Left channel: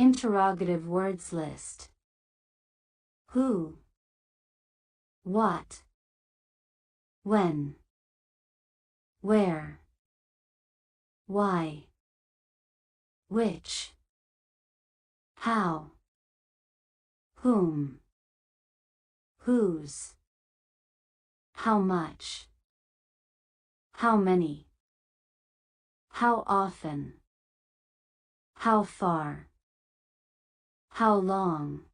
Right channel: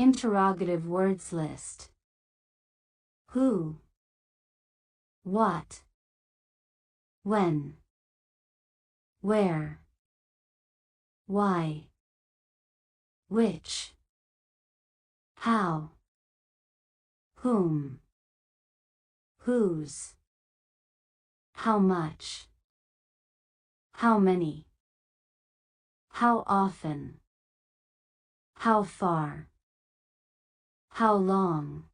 Interrogative words list. Who? What? When? Where? Why? Which? How? Whom? Whose? How much? How many? How often? How far? How long?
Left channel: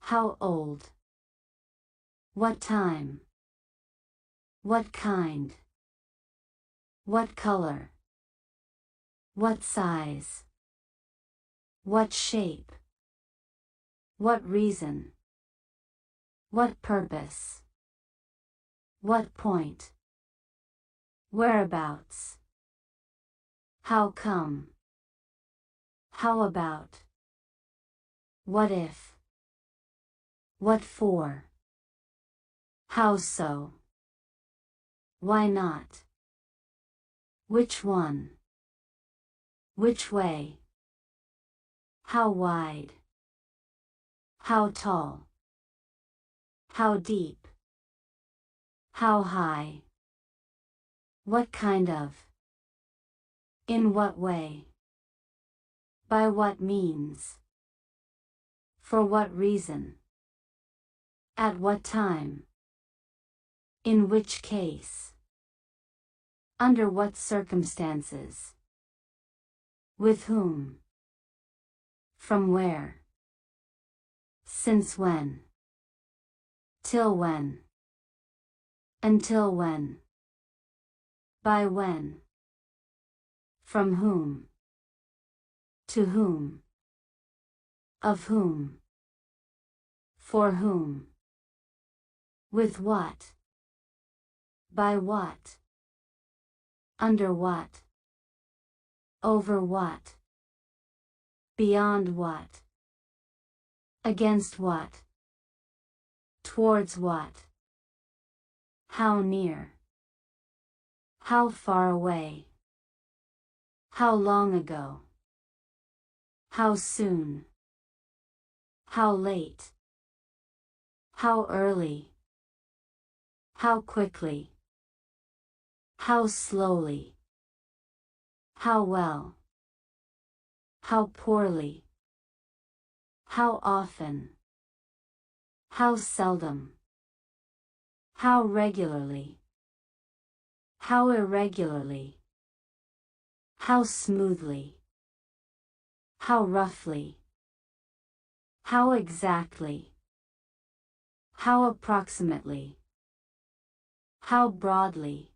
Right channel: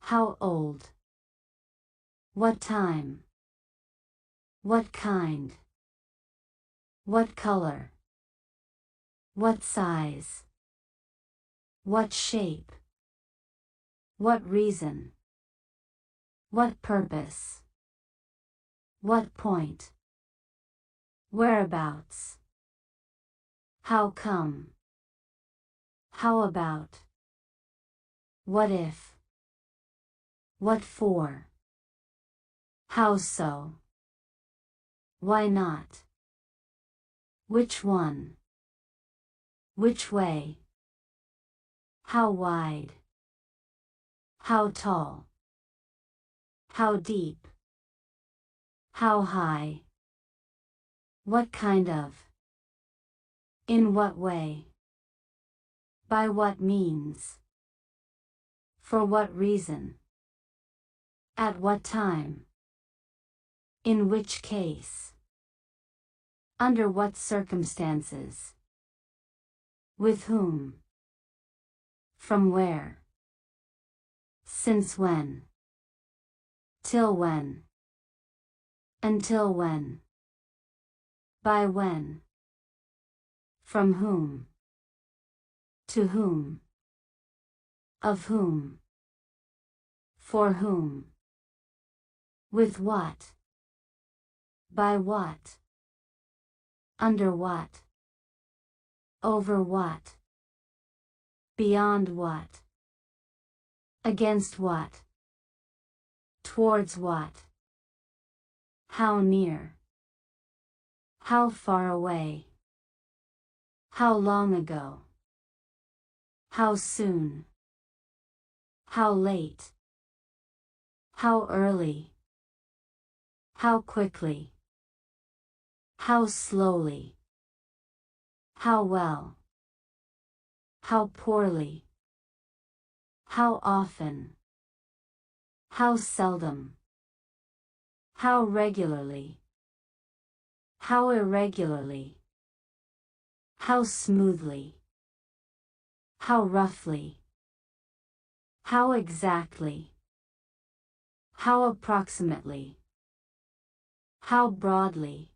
How old? What time? What kind? What color? What size? What shape? What reason? What purpose? What point? Whereabouts? How come? How about? What if? What for? How so? Why not? Which one? Which way? How wide? How tall? How deep? How high? What kind of? In what way? By what means? For what reason? At what time? In which case? Under what circumstances? With whom? From where? Since when? Till when? Until when? By when? From whom? To whom? Of whom? For whom? With what? By what? Under what? Over what? Beyond what? Against what? Towards what? How near? How far away? How long ago? How soon? How late? How early? How quickly? How slowly? How well? How poorly? How often? How seldom? How regularly? How irregularly? How smoothly? How roughly? How exactly? How approximately? How broadly?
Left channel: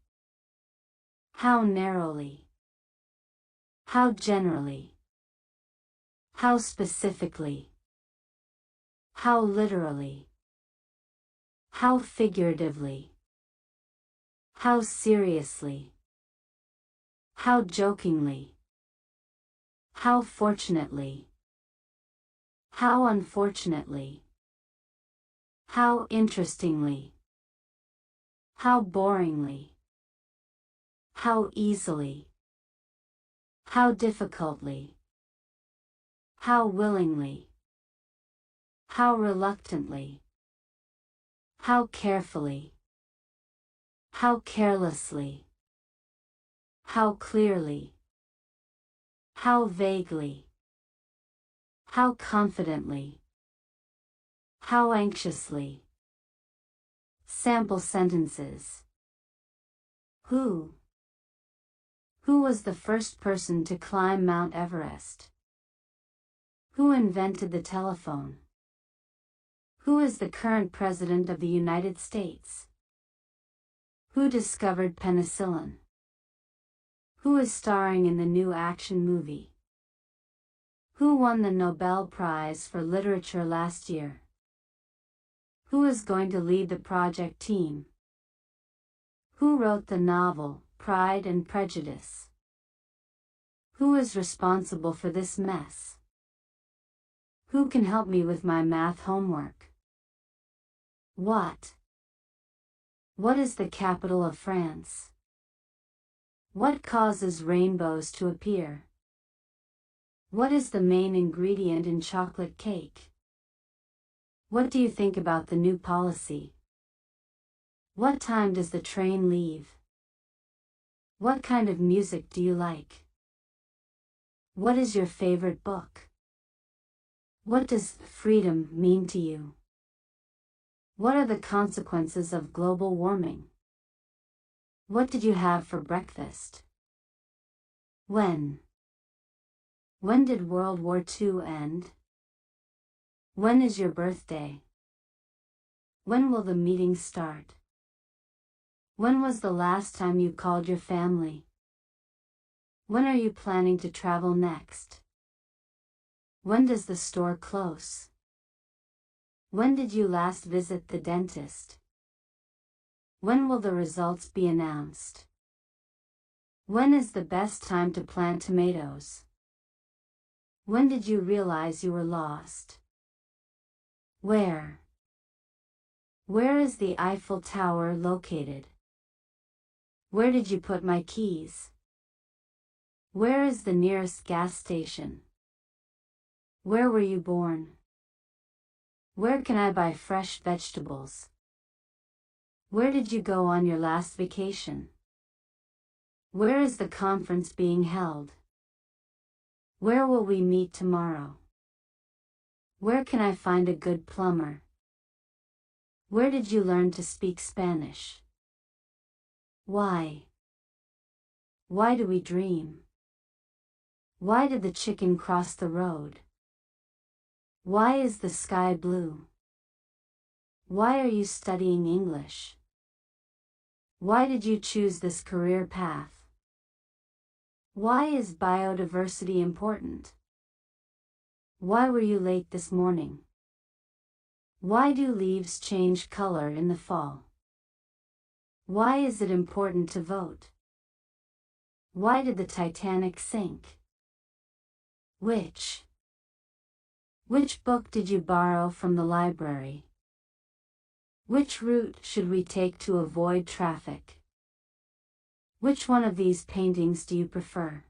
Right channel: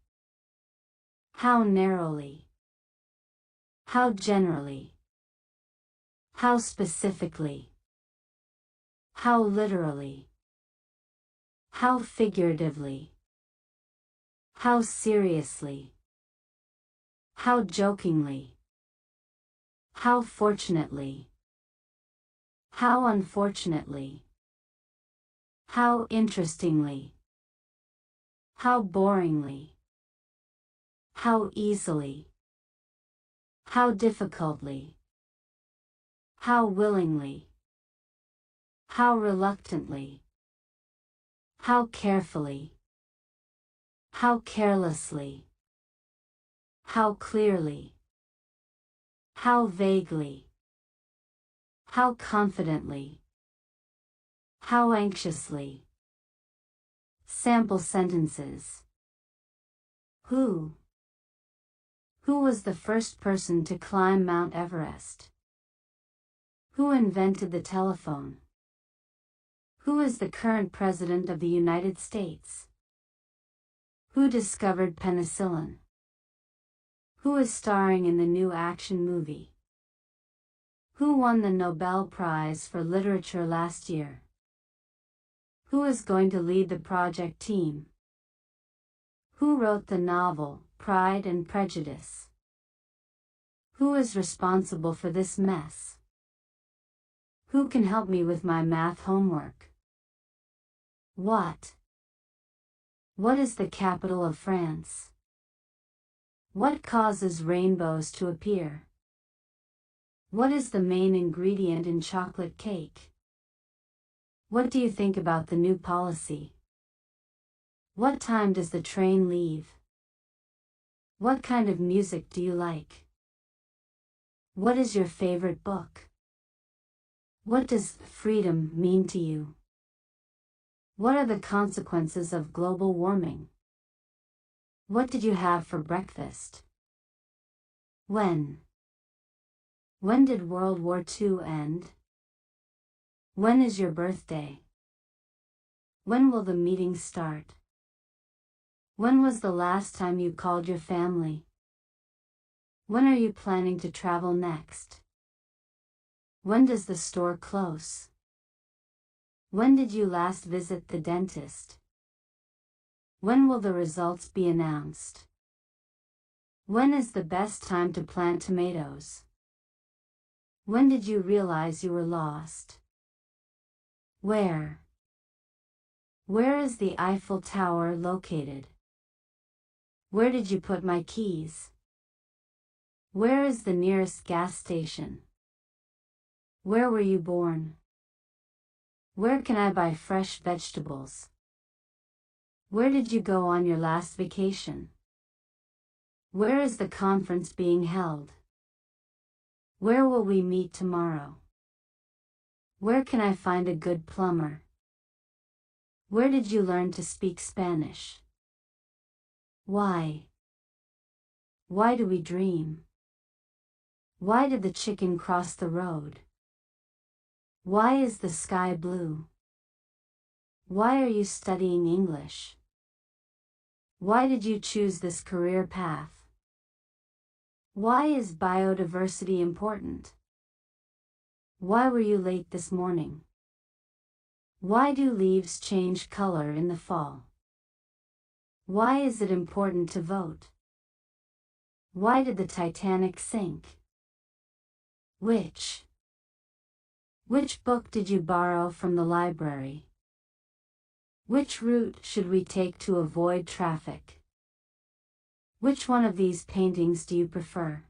How narrowly? How generally? How specifically? How literally? How figuratively? How seriously? How jokingly? How fortunately? How unfortunately? How interestingly? How boringly? How easily? How difficultly? How willingly? How reluctantly? How carefully? How carelessly? How clearly? How vaguely? How confidently? How anxiously? Sample sentences. Who? Who was the first person to climb Mount Everest? Who invented the telephone? Who is the current president of the United States? Who discovered penicillin? Who is starring in the new action movie? Who won the Nobel Prize for Literature last year? Who is going to lead the project team? Who wrote the novel, Pride and Prejudice? Who is responsible for this mess? Who can help me with my math homework? What? What is the capital of France? What causes rainbows to appear? What is the main ingredient in chocolate cake? What do you think about the new policy? What time does the train leave? What kind of music do you like? What is your favorite book? What does freedom mean to you? What are the consequences of global warming? What did you have for breakfast? When? When did World War II end? When is your birthday? When will the meeting start? When was the last time you called your family? When are you planning to travel next? When does the store close? When did you last visit the dentist? When will the results be announced? When is the best time to plant tomatoes? When did you realize you were lost? Where? Where is the Eiffel Tower located? Where did you put my keys? Where is the nearest gas station? Where were you born? Where can I buy fresh vegetables? Where did you go on your last vacation? Where is the conference being held? Where will we meet tomorrow? Where can I find a good plumber? Where did you learn to speak Spanish? Why? Why do we dream? Why did the chicken cross the road? Why is the sky blue? Why are you studying English? Why did you choose this career path? Why is biodiversity important? Why were you late this morning? Why do leaves change color in the fall? Why is it important to vote? Why did the Titanic sink? Which book did you borrow from the library? Which route should we take to avoid traffic? Which one of these paintings do you prefer?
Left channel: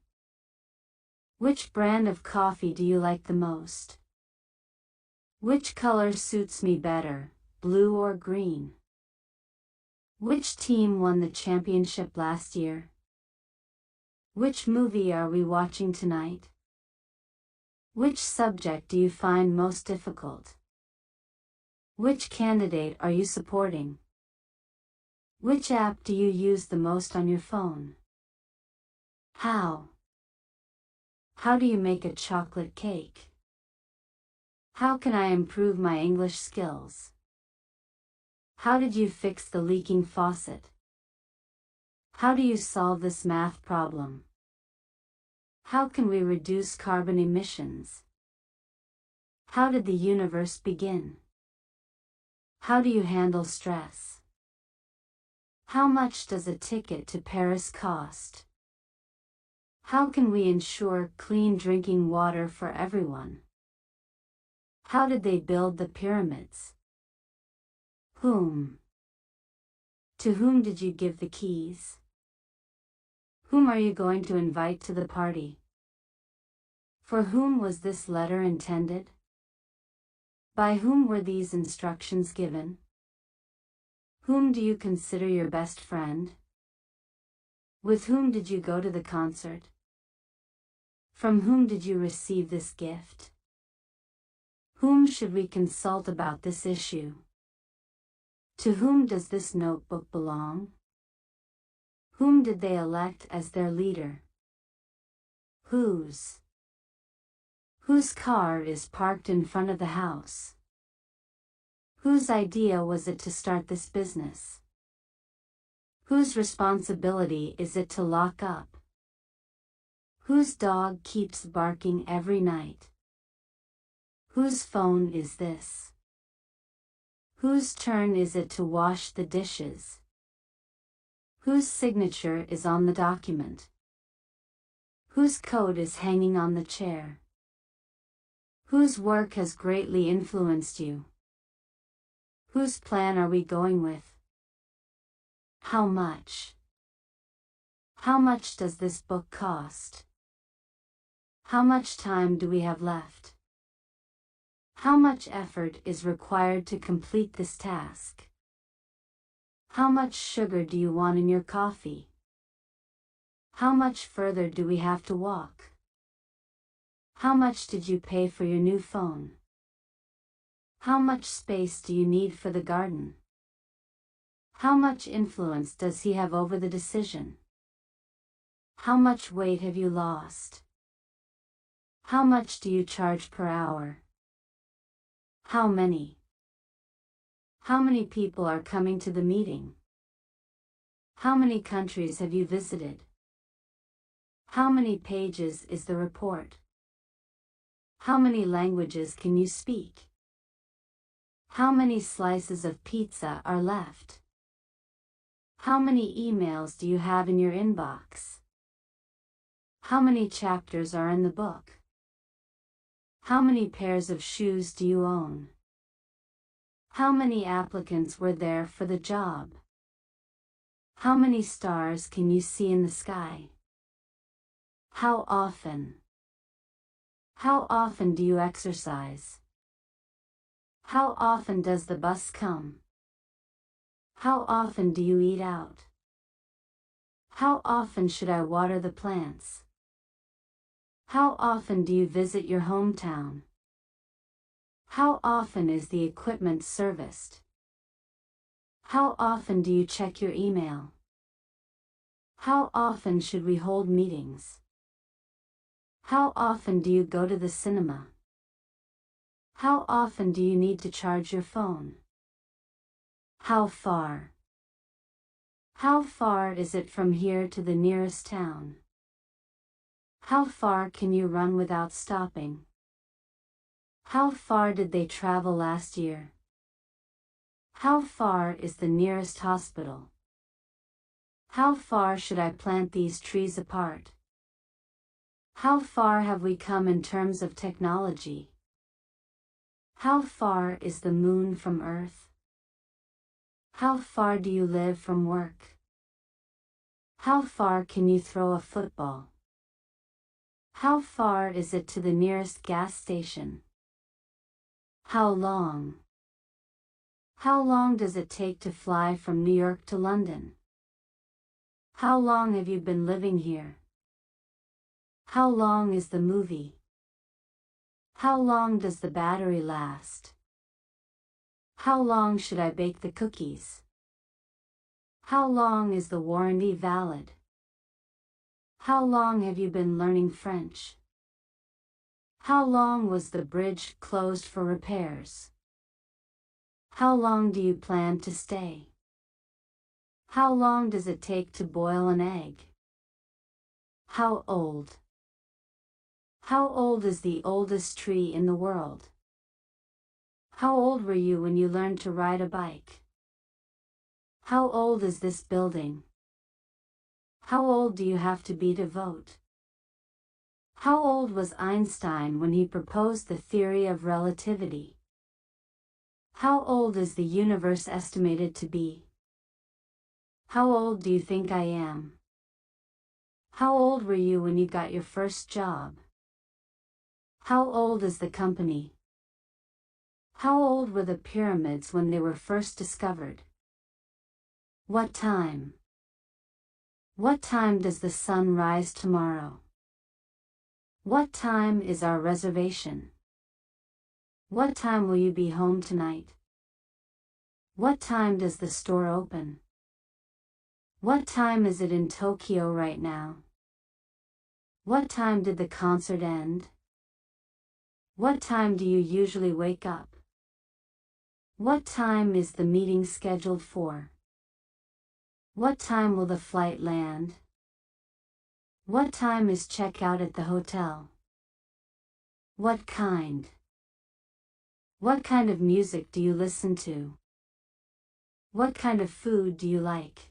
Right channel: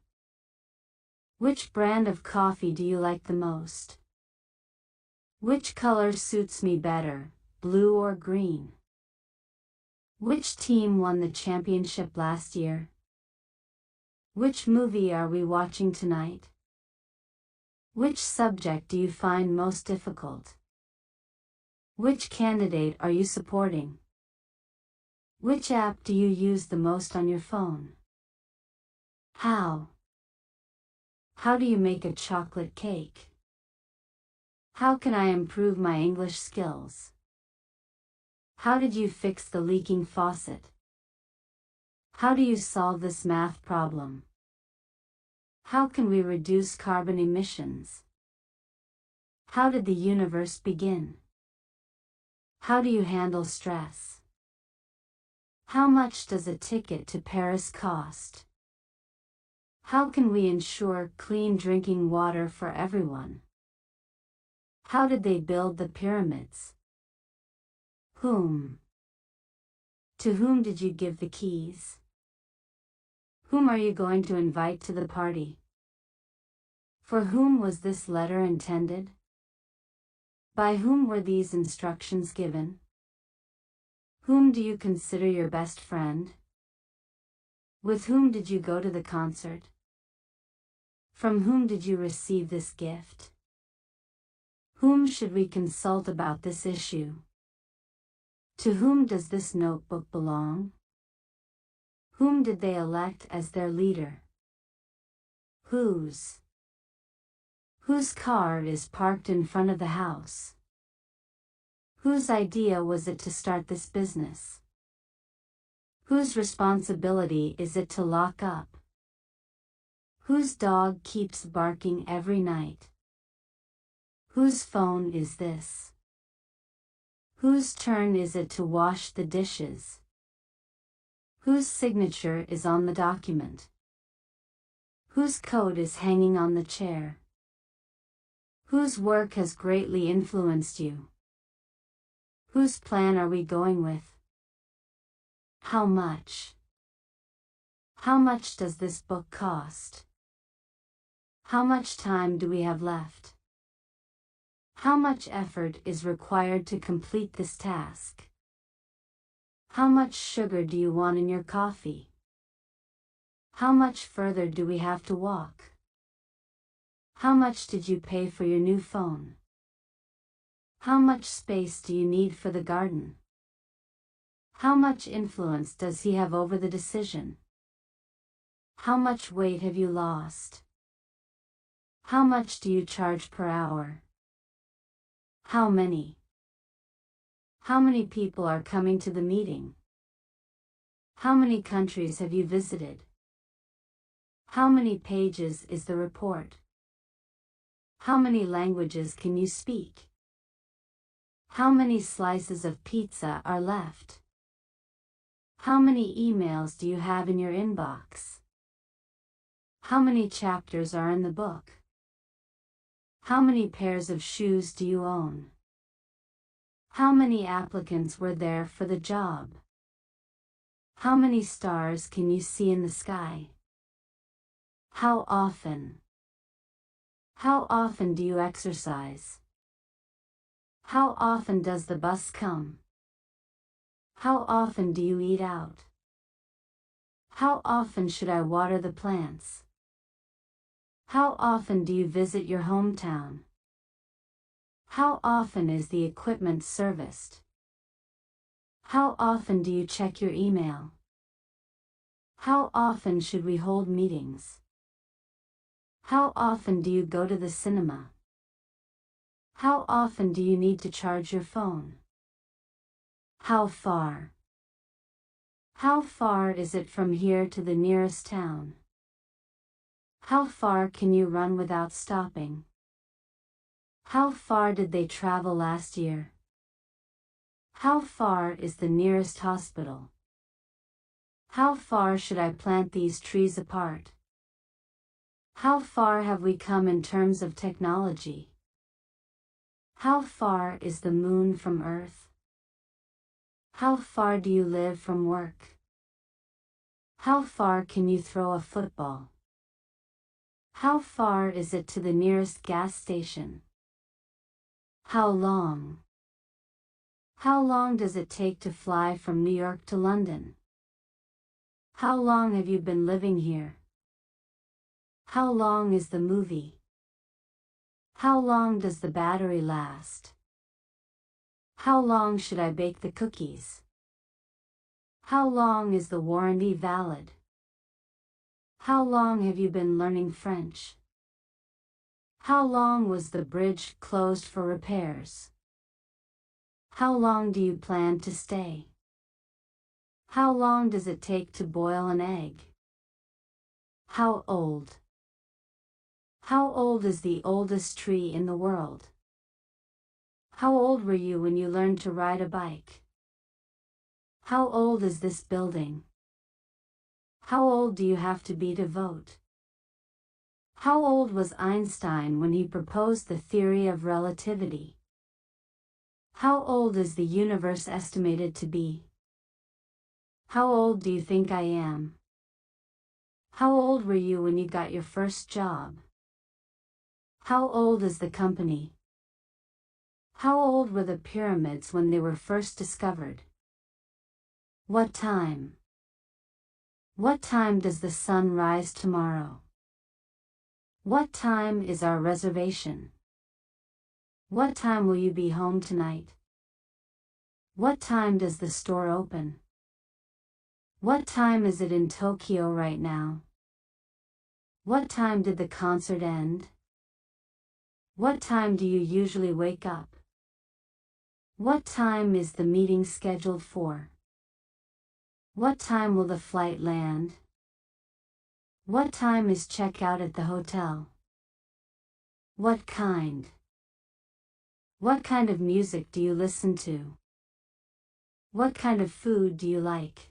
Which brand of coffee do you like the most? Which color suits me better, blue or green? Which team won the championship last year? Which movie are we watching tonight? Which subject do you find most difficult? Which candidate are you supporting? Which app do you use the most on your phone? How? How do you make a chocolate cake? How can I improve my English skills? How did you fix the leaking faucet? How do you solve this math problem? How can we reduce carbon emissions? How did the universe begin? How do you handle stress? How much does a ticket to Paris cost? How can we ensure clean drinking water for everyone? How did they build the pyramids? Whom? To whom did you give the keys? Whom are you going to invite to the party? For whom was this letter intended? By whom were these instructions given? Whom do you consider your best friend? With whom did you go to the concert? From whom did you receive this gift? Whom should we consult about this issue? To whom does this notebook belong? Whom did they elect as their leader? Whose car is parked in front of the house? Whose idea was it to start this business? Whose responsibility is it to lock up? Whose dog keeps barking every night? Whose phone is this? Whose turn is it to wash the dishes? Whose signature is on the document? Whose coat is hanging on the chair? Whose work has greatly influenced you? Whose plan are we going with? How much? How much does this book cost? How much time do we have left? How much effort is required to complete this task? How much sugar do you want in your coffee? How much further do we have to walk? How much did you pay for your new phone? How much space do you need for the garden? How much influence does he have over the decision? How much weight have you lost? How much do you charge per hour? How many? How many people are coming to the meeting? How many countries have you visited? How many pages is the report? How many languages can you speak? How many slices of pizza are left? How many emails do you have in your inbox? How many chapters are in the book? How many pairs of shoes do you own? How many applicants were there for the job? How many stars can you see in the sky? How often? How often do you exercise? How often does the bus come? How often do you eat out? How often should I water the plants? How often do you visit your hometown? How often is the equipment serviced? How often do you check your email? How often should we hold meetings? How often do you go to the cinema? How often do you need to charge your phone? How far? How far is it from here to the nearest town? How far can you run without stopping? How far did they travel last year? How far is the nearest hospital? How far should I plant these trees apart? How far have we come in terms of technology? How far is the moon from Earth? How far do you live from work? How far can you throw a football? How far is it to the nearest gas station? How long? How long does it take to fly from New York to London? How long have you been living here? How long is the movie? How long does the battery last? How long should I bake the cookies? How long is the warranty valid? How long have you been learning French? How long was the bridge closed for repairs? How long do you plan to stay? How long does it take to boil an egg? How old? How old is the oldest tree in the world? How old were you when you learned to ride a bike? How old is this building? How old do you have to be to vote? How old was Einstein when he proposed the theory of relativity? How old is the universe estimated to be? How old do you think I am? How old were you when you got your first job? How old is the company? How old were the pyramids when they were first discovered? What time? What time does the sun rise tomorrow? What time is our reservation? What time will you be home tonight? What time does the store open? What time is it in Tokyo right now? What time did the concert end? What time do you usually wake up? What time is the meeting scheduled for? What time will the flight land? What time is check-out at the hotel? What kind? What kind of music do you listen to? What kind of food do you like?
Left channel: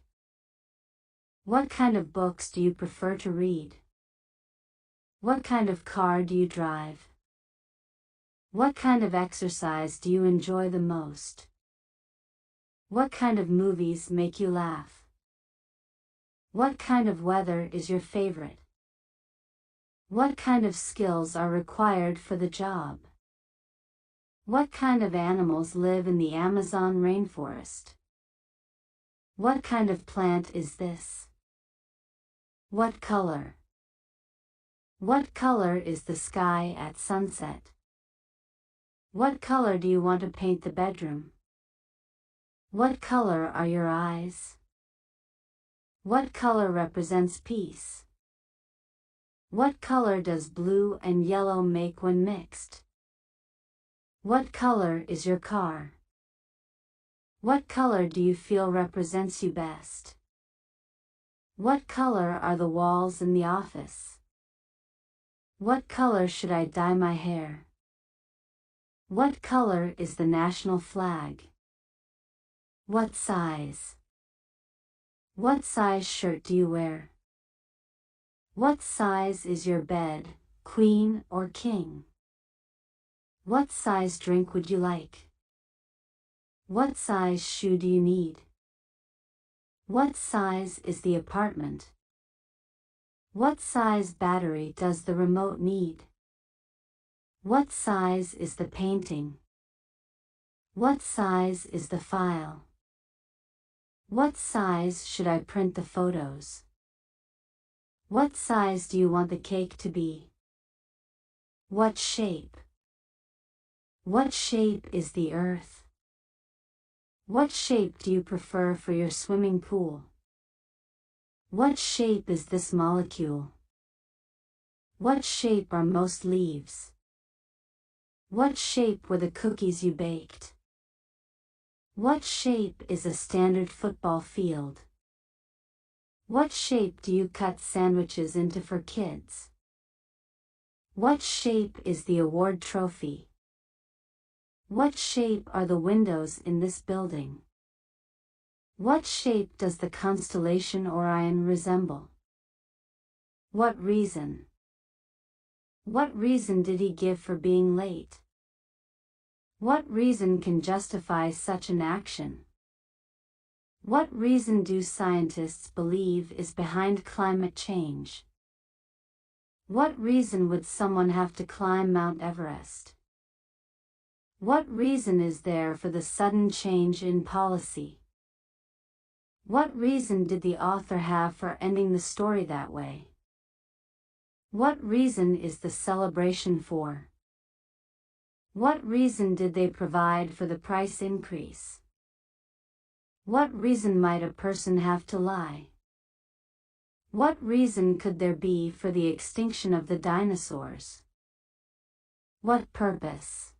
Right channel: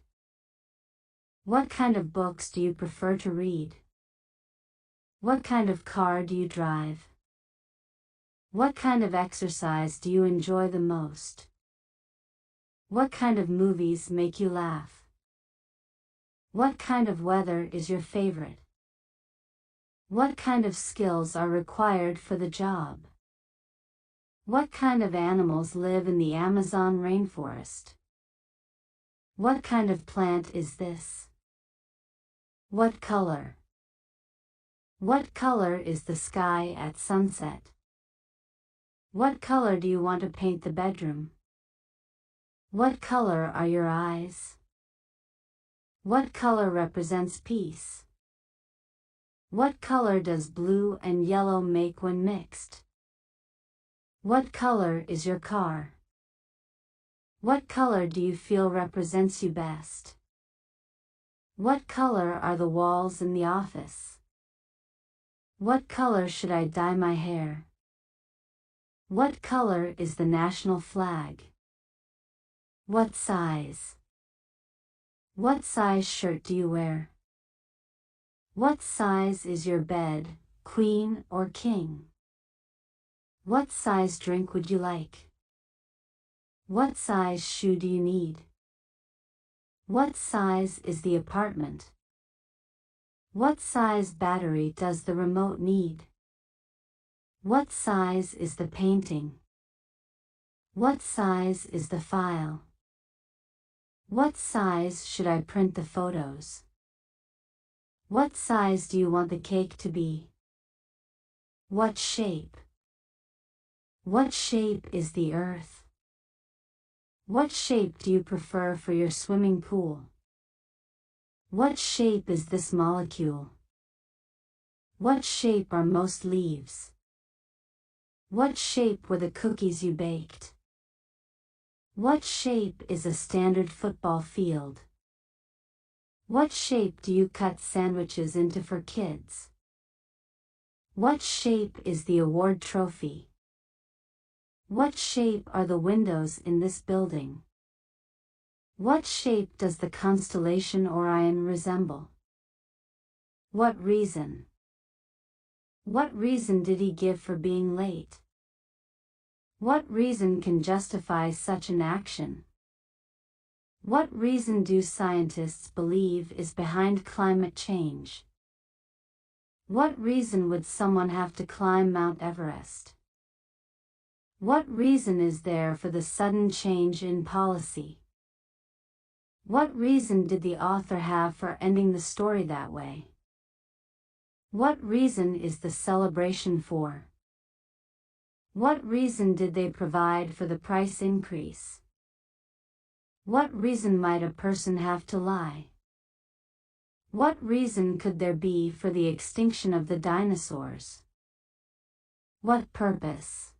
What kind of books do you prefer to read? What kind of car do you drive? What kind of exercise do you enjoy the most? What kind of movies make you laugh? What kind of weather is your favorite? What kind of skills are required for the job? What kind of animals live in the Amazon rainforest? What kind of plant is this? What color? What color is the sky at sunset? What color do you want to paint the bedroom? What color are your eyes? What color represents peace? What color does blue and yellow make when mixed? What color is your car? What color do you feel represents you best? What color are the walls in the office? What color should I dye my hair? What color is the national flag? What size? What size shirt do you wear? What size is your bed, queen or king? What size drink would you like? What size shoe do you need? What size is the apartment? What size battery does the remote need? What size is the painting? What size is the file? What size should I print the photos? What size do you want the cake to be? What shape? What shape is the earth? What shape do you prefer for your swimming pool? What shape is this molecule? What shape are most leaves? What shape were the cookies you baked? What shape is a standard football field? What shape do you cut sandwiches into for kids? What shape is the award trophy? What shape are the windows in this building? What shape does the constellation Orion resemble? What reason? What reason did he give for being late? What reason can justify such an action? What reason do scientists believe is behind climate change? What reason would someone have to climb Mount Everest? What reason is there for the sudden change in policy? What reason did the author have for ending the story that way? What reason is the celebration for? What reason did they provide for the price increase? What reason might a person have to lie? What reason could there be for the extinction of the dinosaurs? What purpose?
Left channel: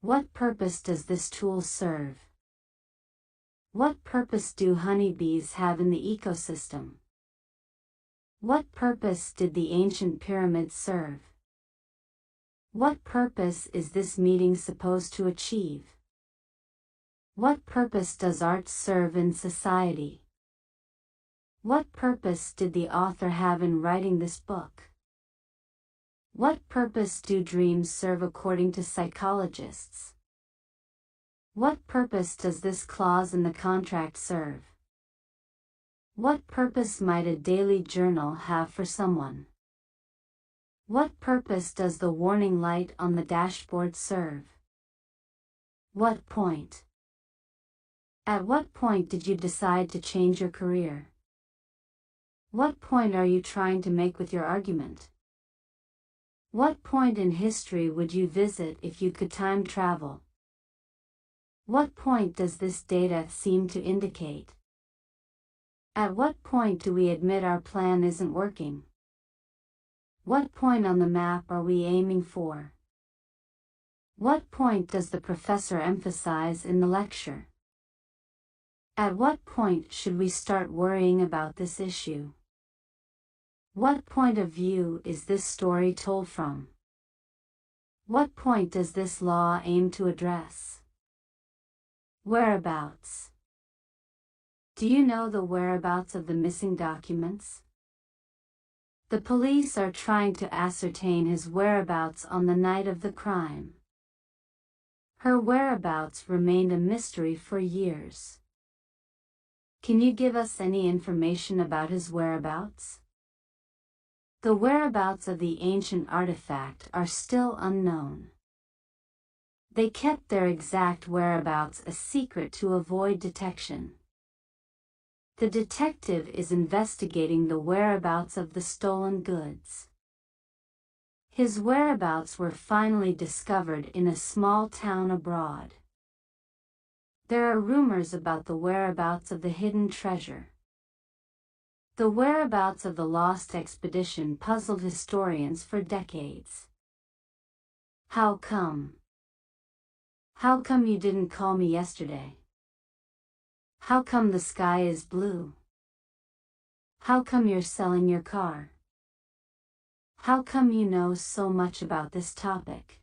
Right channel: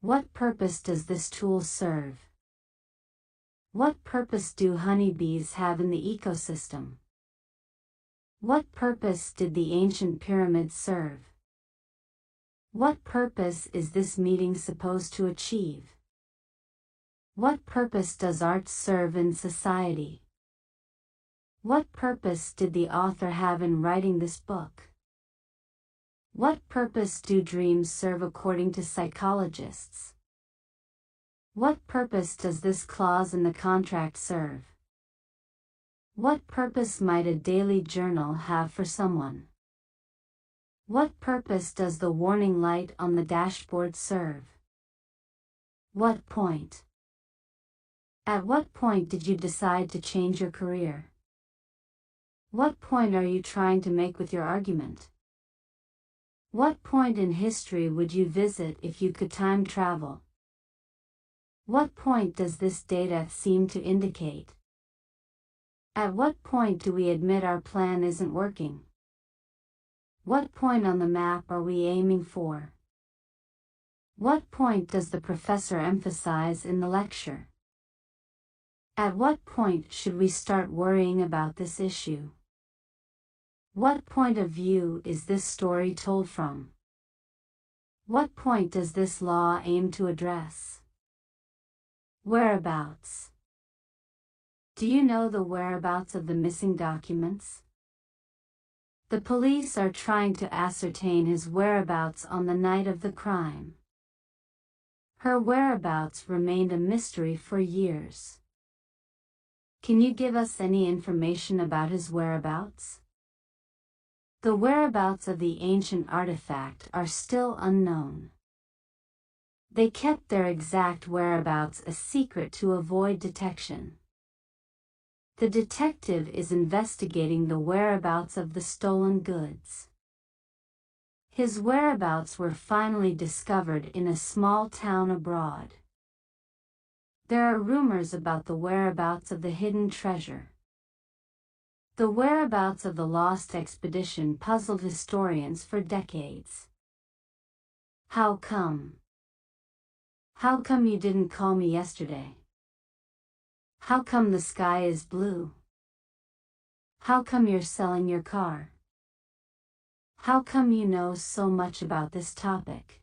What purpose does this tool serve? What purpose do honeybees have in the ecosystem? What purpose did the ancient pyramids serve? What purpose is this meeting supposed to achieve? What purpose does art serve in society? What purpose did the author have in writing this book? What purpose do dreams serve according to psychologists? What purpose does this clause in the contract serve? What purpose might a daily journal have for someone? What purpose does the warning light on the dashboard serve? What point? At what point did you decide to change your career? What point are you trying to make with your argument? What point in history would you visit if you could time travel? What point does this data seem to indicate? At what point do we admit our plan isn't working? What point on the map are we aiming for? What point does the professor emphasize in the lecture? At what point should we start worrying about this issue? What point of view is this story told from? What point does this law aim to address? Whereabouts. Do you know the whereabouts of the missing documents? The police are trying to ascertain his whereabouts on the night of the crime. Her whereabouts remained a mystery for years. Can you give us any information about his whereabouts? The whereabouts of the ancient artifact are still unknown. They kept their exact whereabouts a secret to avoid detection. The detective is investigating the whereabouts of the stolen goods. His whereabouts were finally discovered in a small town abroad. There are rumors about the whereabouts of the hidden treasure. The whereabouts of the lost expedition puzzled historians for decades. How come? How come you didn't call me yesterday? How come the sky is blue? How come you're selling your car? How come you know so much about this topic?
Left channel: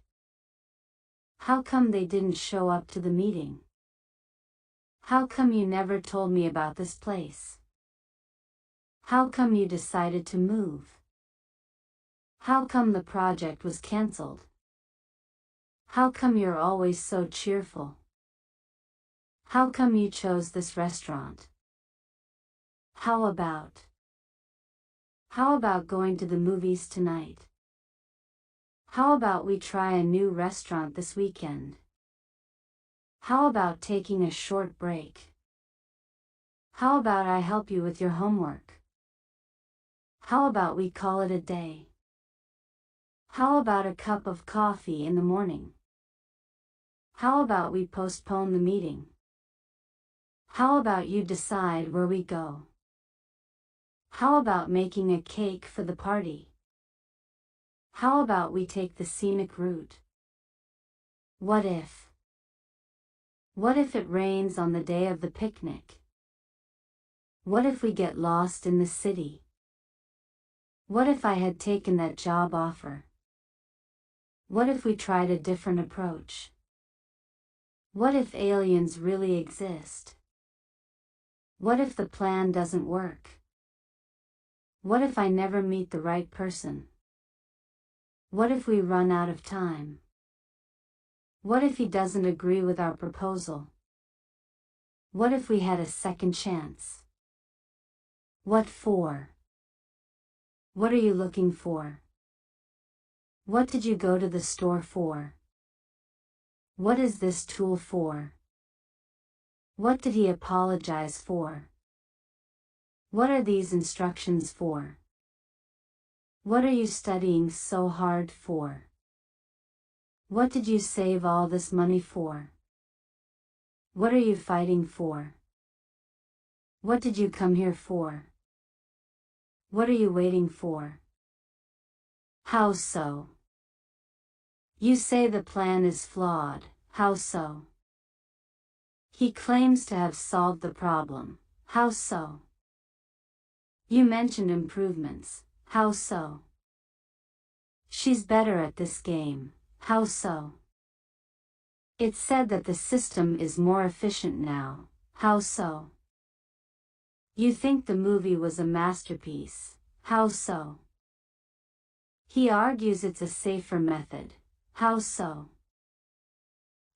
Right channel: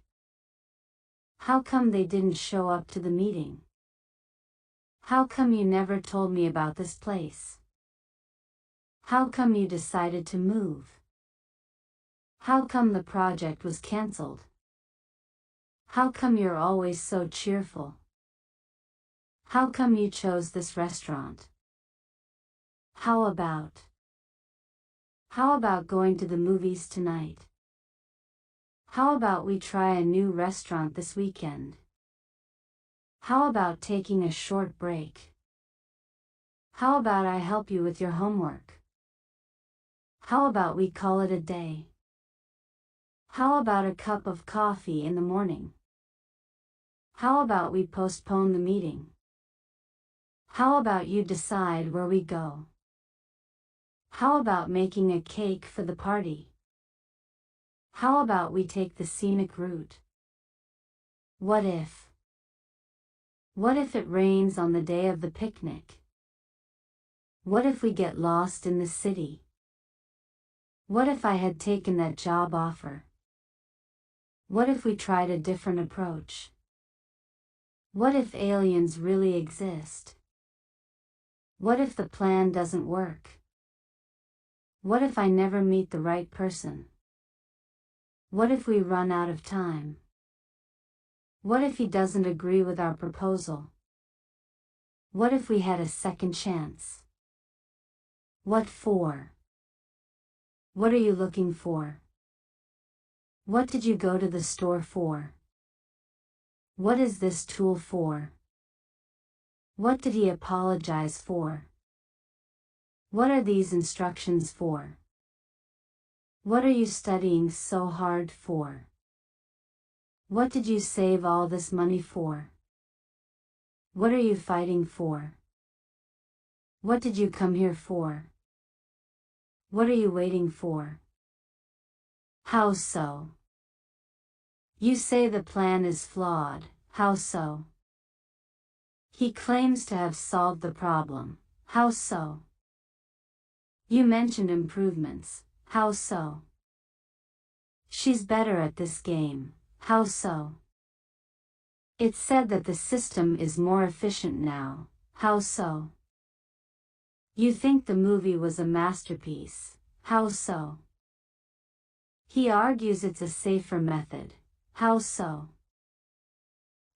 How come they didn't show up to the meeting? How come you never told me about this place? How come you decided to move? How come the project was cancelled? How come you're always so cheerful? How come you chose this restaurant? How about going to the movies tonight? How about we try a new restaurant this weekend? How about taking a short break? How about I help you with your homework? How about we call it a day? How about a cup of coffee in the morning? How about we postpone the meeting? How about you decide where we go? How about making a cake for the party? How about we take the scenic route? What if? What if it rains on the day of the picnic? What if we get lost in the city? What if I had taken that job offer? What if we tried a different approach? What if aliens really exist? What if the plan doesn't work? What if I never meet the right person? What if we run out of time? What if he doesn't agree with our proposal? What if we had a second chance? What for? What are you looking for? What did you go to the store for? What is this tool for? What did he apologize for? What are these instructions for? What are you studying so hard for? What did you save all this money for? What are you fighting for? What did you come here for? What are you waiting for? How so? You say the plan is flawed, how so? He claims to have solved the problem, how so? You mentioned improvements, how so? She's better at this game, how so? It's said that the system is more efficient now, how so? You think the movie was a masterpiece, how so? He argues it's a safer method, how so?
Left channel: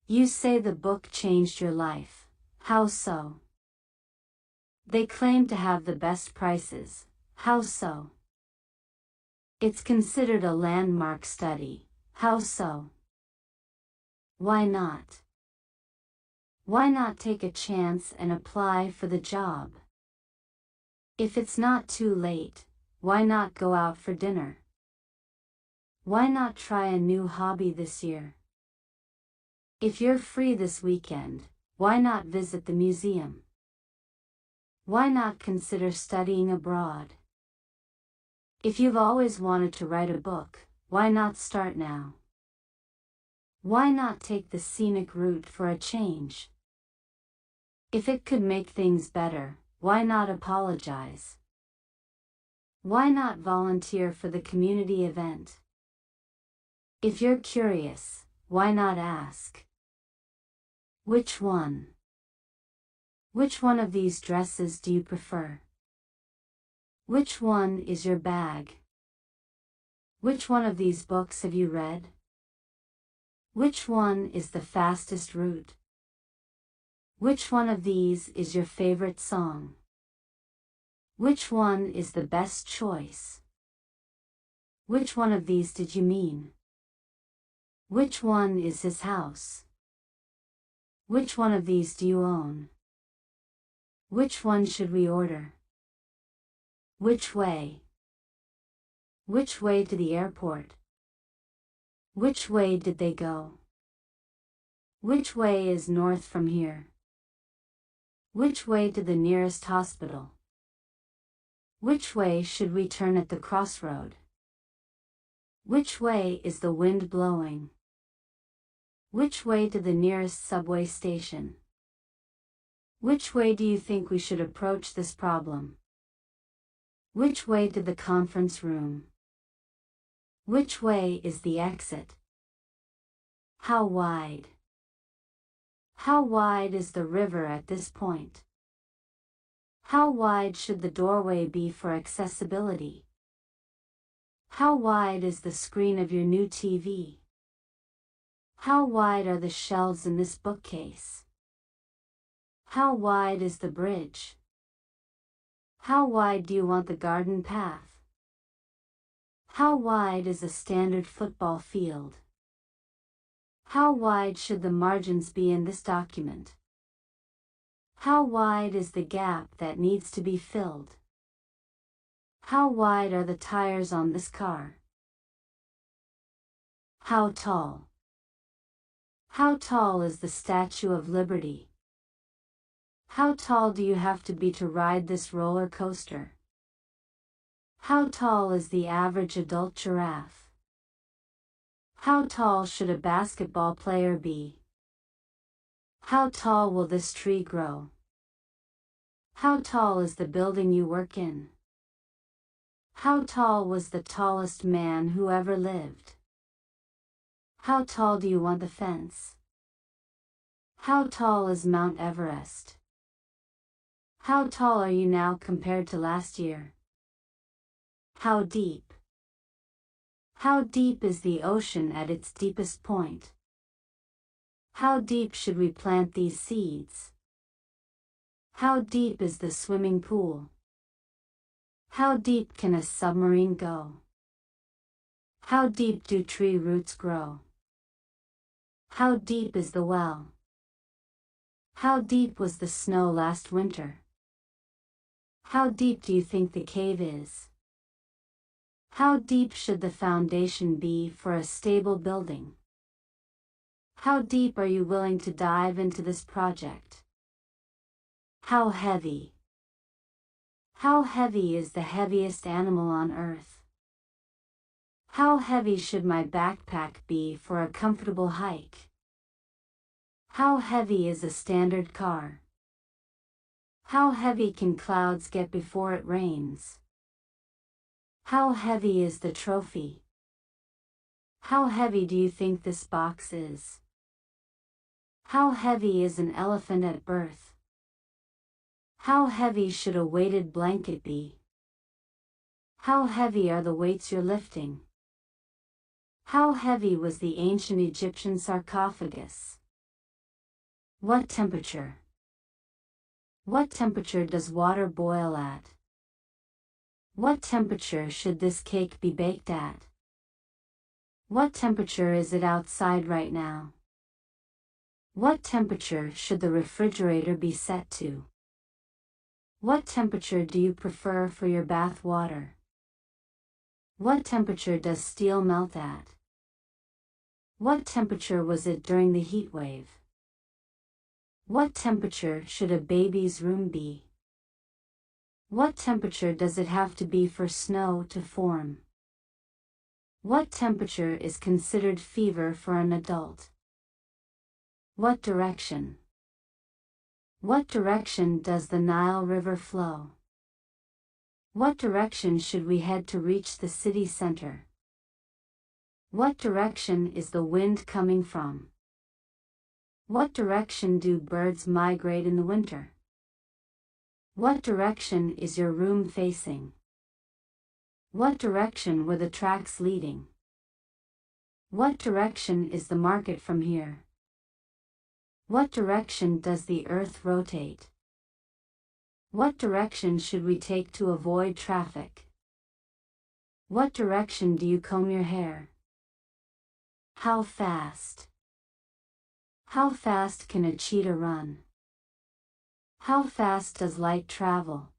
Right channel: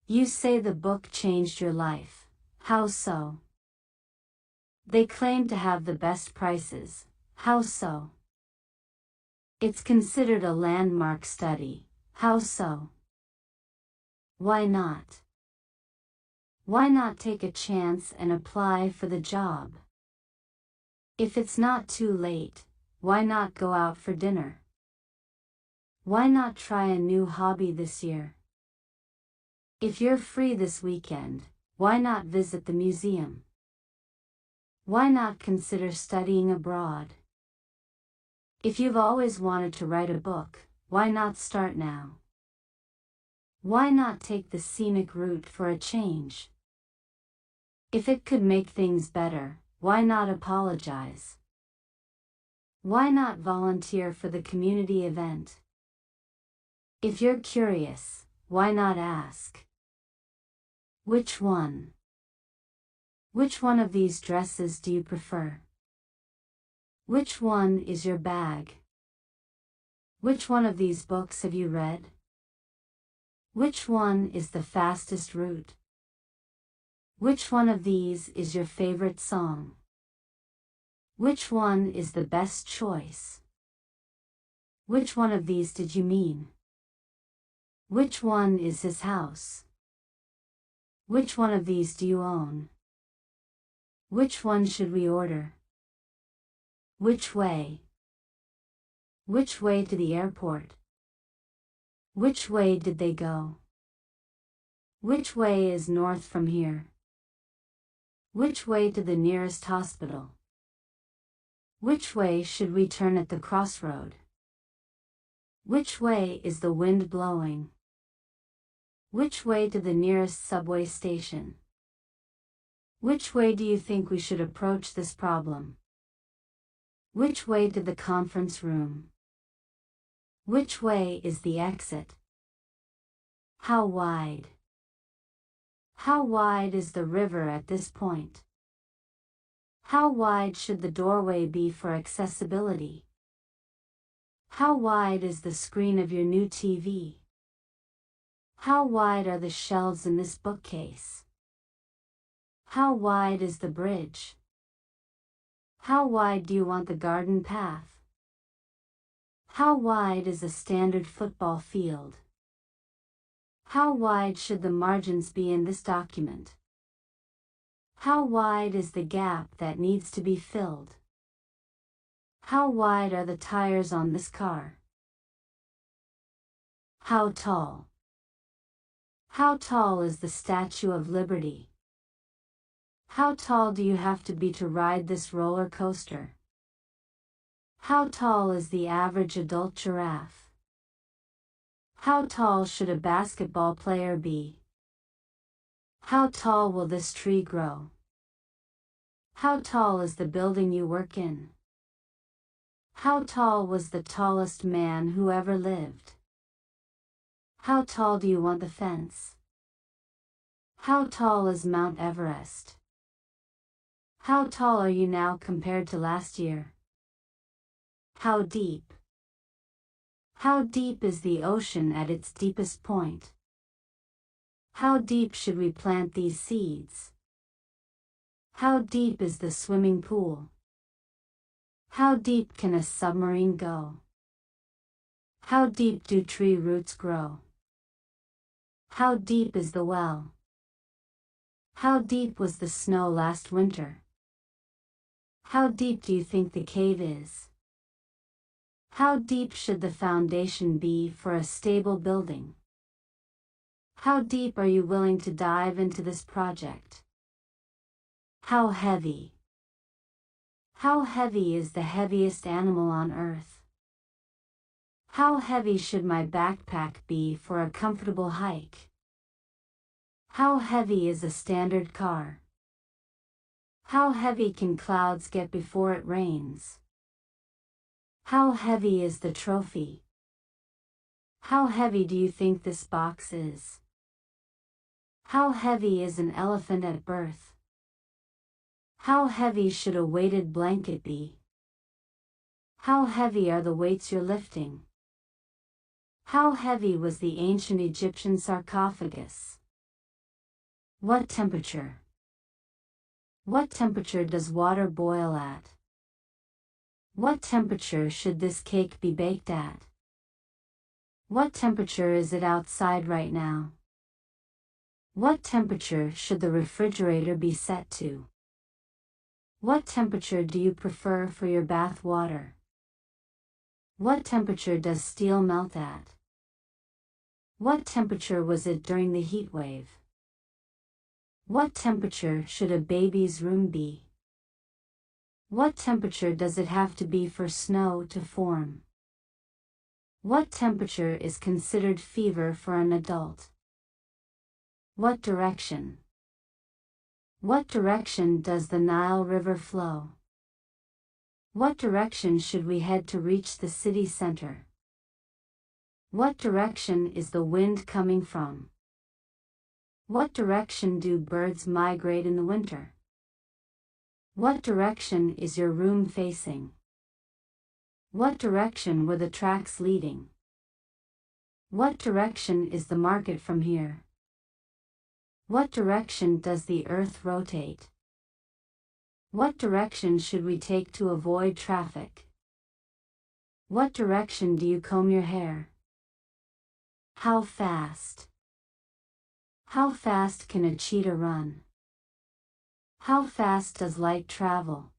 You say the book changed your life, how so? They claim to have the best prices, how so? It's considered a landmark study, how so? Why not? Why not take a chance and apply for the job? If it's not too late, why not go out for dinner? Why not try a new hobby this year? If you're free this weekend, why not visit the museum? Why not consider studying abroad? If you've always wanted to write a book, why not start now? Why not take the scenic route for a change? If it could make things better, why not apologize? Why not volunteer for the community event? If you're curious, why not ask? Which one? Which one of these dresses do you prefer? Which one is your bag? Which one of these books have you read? Which one is the fastest route? Which one of these is your favorite song? Which one is the best choice? Which one of these did you mean? Which one is his house? Which one of these do you own? Which one should we order? Which way? Which way to the airport? Which way did they go? Which way is north from here? Which way to the nearest hospital? Which way should we turn at the crossroad? Which way is the wind blowing? Which way to the nearest subway station? Which way do you think we should approach this problem? Which way to the conference room? Which way is the exit? How wide? How wide is the river at this point? How wide should the doorway be for accessibility? How wide is the screen of your new TV? How wide are the shelves in this bookcase? How wide is the bridge? How wide do you want the garden path? How wide is a standard football field? How wide should the margins be in this document? How wide is the gap that needs to be filled? How wide are the tires on this car? How tall? How tall is the Statue of Liberty? How tall do you have to be to ride this roller coaster? How tall is the average adult giraffe? How tall should a basketball player be? How tall will this tree grow? How tall is the building you work in? How tall was the tallest man who ever lived? How tall do you want the fence? How tall is Mount Everest? How tall are you now compared to last year? How deep? How deep is the ocean at its deepest point? How deep should we plant these seeds? How deep is the swimming pool? How deep can a submarine go? How deep do tree roots grow? How deep is the well? How deep was the snow last winter? How deep do you think the cave is? How deep should the foundation be for a stable building? How deep are you willing to dive into this project? How heavy? How heavy is the heaviest animal on earth? How heavy should my backpack be for a comfortable hike? How heavy is a standard car? How heavy can clouds get before it rains? How heavy is the trophy? How heavy do you think this box is? How heavy is an elephant at birth? How heavy should a weighted blanket be? How heavy are the weights you're lifting? How heavy was the ancient Egyptian sarcophagus? What temperature? What temperature does water boil at? What temperature should this cake be baked at? What temperature is it outside right now? What temperature should the refrigerator be set to? What temperature do you prefer for your bath water? What temperature does steel melt at? What temperature was it during the heat wave? What temperature should a baby's room be? What temperature does it have to be for snow to form? What temperature is considered fever for an adult? What direction? What direction does the Nile River flow? What direction should we head to reach the city center? What direction is the wind coming from? What direction do birds migrate in the winter? What direction is your room facing? What direction were the tracks leading? What direction is the market from here? What direction does the earth rotate? What direction should we take to avoid traffic? What direction do you comb your hair? How fast? How fast can a cheetah run? How fast does light travel?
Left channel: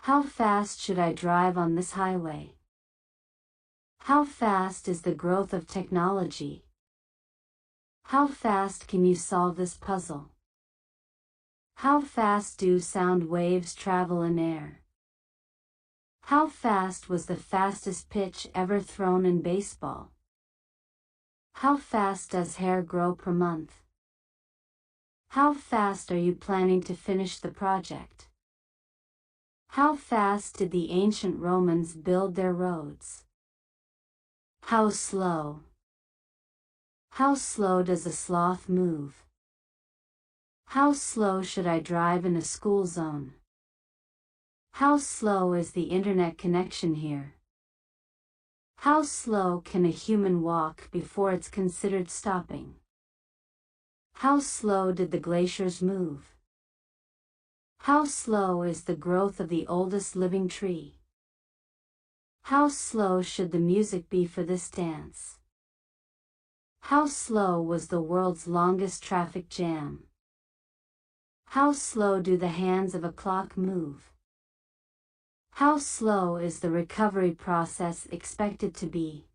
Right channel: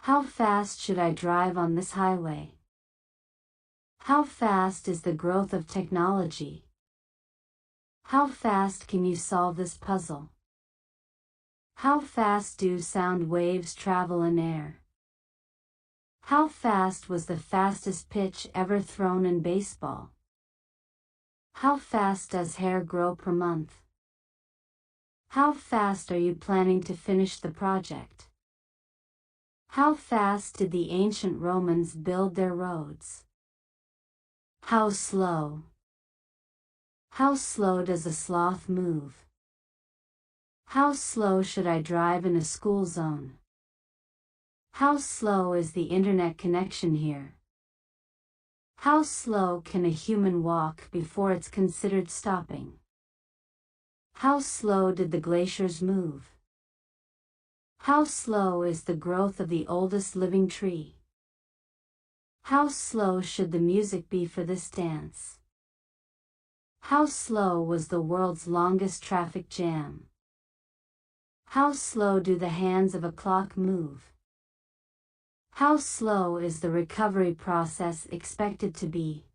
How fast should I drive on this highway? How fast is the growth of technology? How fast can you solve this puzzle? How fast do sound waves travel in air? How fast was the fastest pitch ever thrown in baseball? How fast does hair grow per month? How fast are you planning to finish the project? How fast did the ancient Romans build their roads? How slow? How slow does a sloth move? How slow should I drive in a school zone? How slow is the internet connection here? How slow can a human walk before it's considered stopping? How slow did the glaciers move? How slow is the growth of the oldest living tree? How slow should the music be for this dance? How slow was the world's longest traffic jam? How slow do the hands of a clock move? How slow is the recovery process expected to be?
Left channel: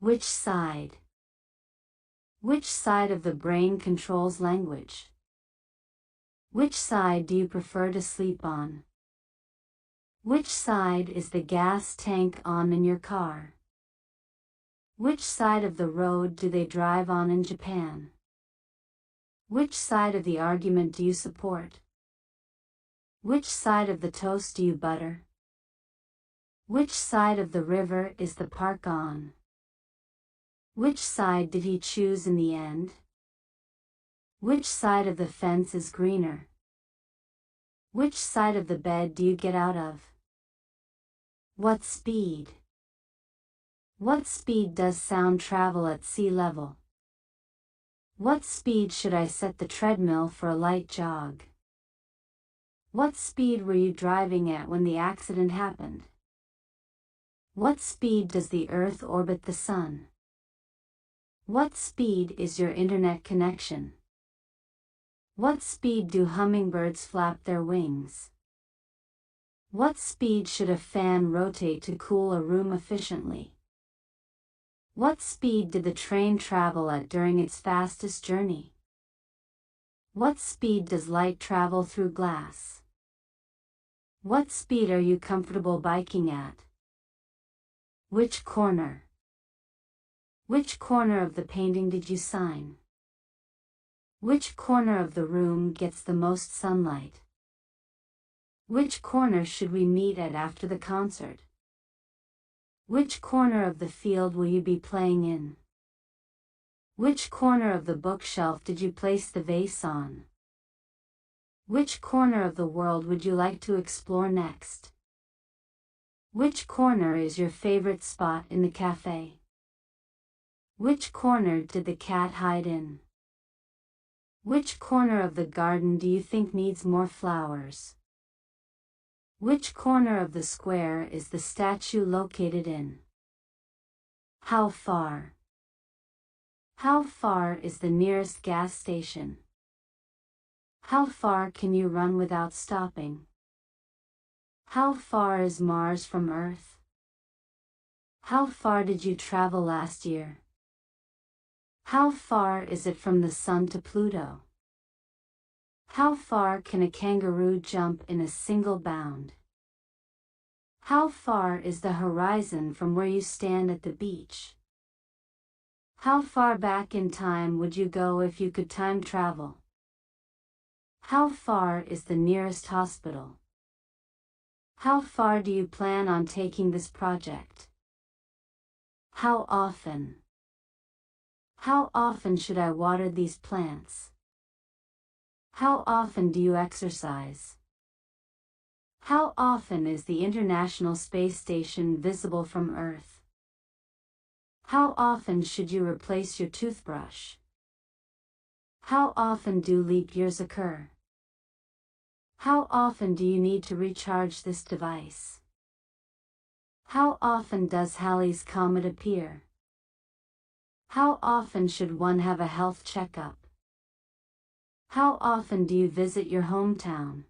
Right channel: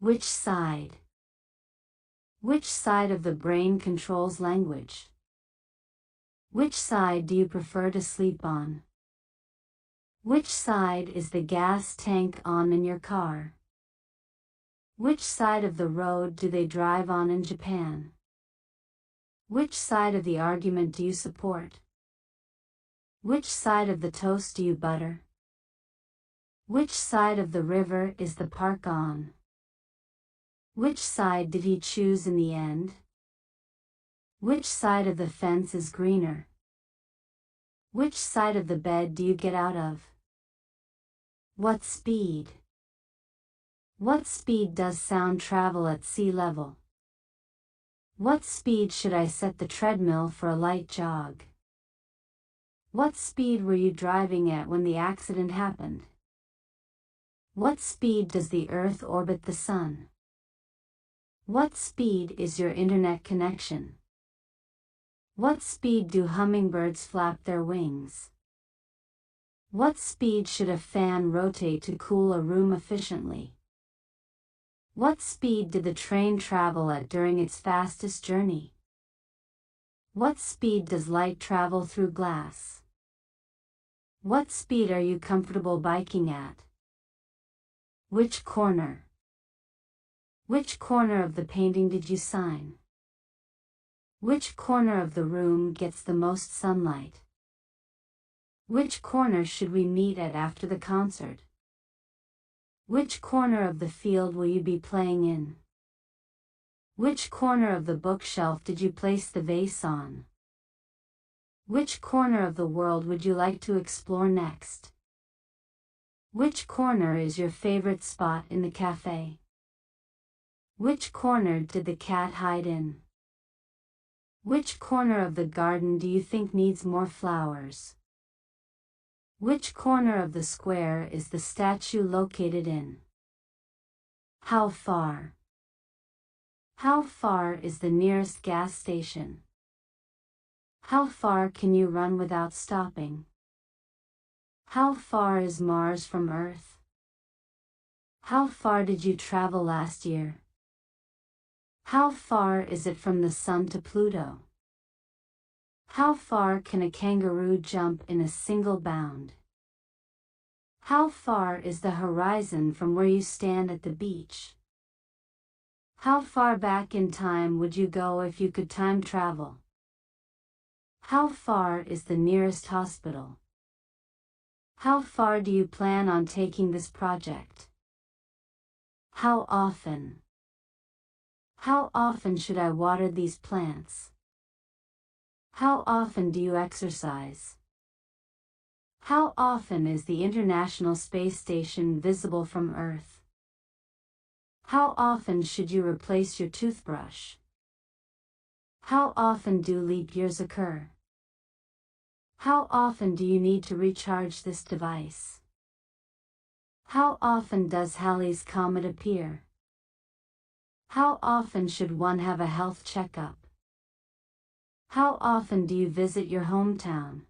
Which side? Which side of the brain controls language? Which side do you prefer to sleep on? Which side is the gas tank on in your car? Which side of the road do they drive on in Japan? Which side of the argument do you support? Which side of the toast do you butter? Which side of the river is the park on? Which side did he choose in the end? Which side of the fence is greener? Which side of the bed do you get out of? What speed? What speed does sound travel at sea level? What speed should I set the treadmill for a light jog? What speed were you driving at when the accident happened? What speed does the Earth orbit the Sun? What speed is your internet connection? What speed do hummingbirds flap their wings? What speed should a fan rotate to cool a room efficiently? What speed did the train travel at during its fastest journey? What speed does light travel through glass? What speed are you comfortable biking at? Which corner? Which corner of the painting did you sign? Which corner of the room gets the most sunlight? Which corner should we meet at after the concert? Which corner of the field will you be playing in? Which corner of the bookshelf did you place the vase on? Which corner of the world would you like to explore next? Which corner is your favorite spot in the cafe? Which corner did the cat hide in? Which corner of the garden do you think needs more flowers? Which corner of the square is the statue located in? How far? How far is the nearest gas station? How far can you run without stopping? How far is Mars from Earth? How far did you travel last year? How far is it from the Sun to Pluto? How far can a kangaroo jump in a single bound? How far is the horizon from where you stand at the beach? How far back in time would you go if you could time travel? How far is the nearest hospital? How far do you plan on taking this project? How often? How often should I water these plants? How often do you exercise? How often is the International Space Station visible from Earth? How often should you replace your toothbrush? How often do leap years occur? How often do you need to recharge this device? How often does Halley's Comet appear? How often should one have a health checkup? How often do you visit your hometown?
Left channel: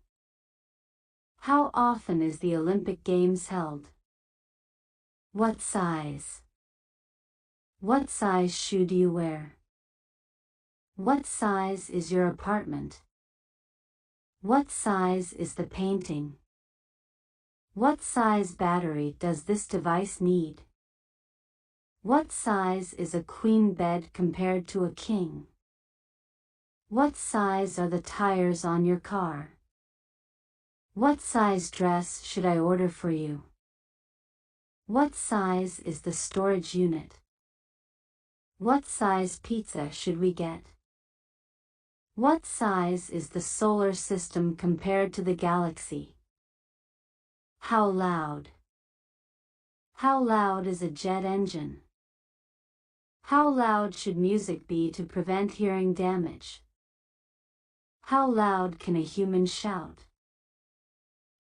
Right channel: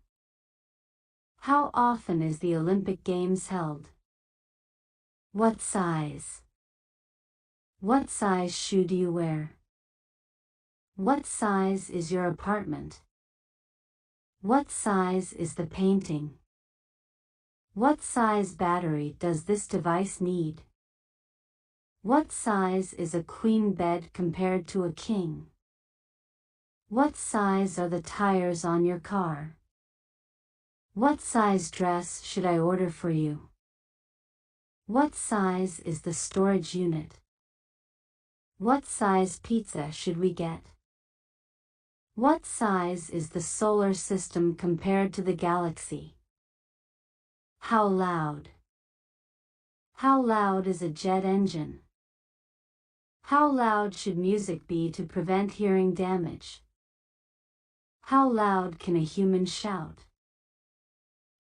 How often is the Olympic Games held? What size? What size shoe do you wear? What size is your apartment? What size is the painting? What size battery does this device need? What size is a queen bed compared to a king? What size are the tires on your car? What size dress should I order for you? What size is the storage unit? What size pizza should we get? What size is the solar system compared to the galaxy? How loud? How loud is a jet engine? How loud should music be to prevent hearing damage? How loud can a human shout?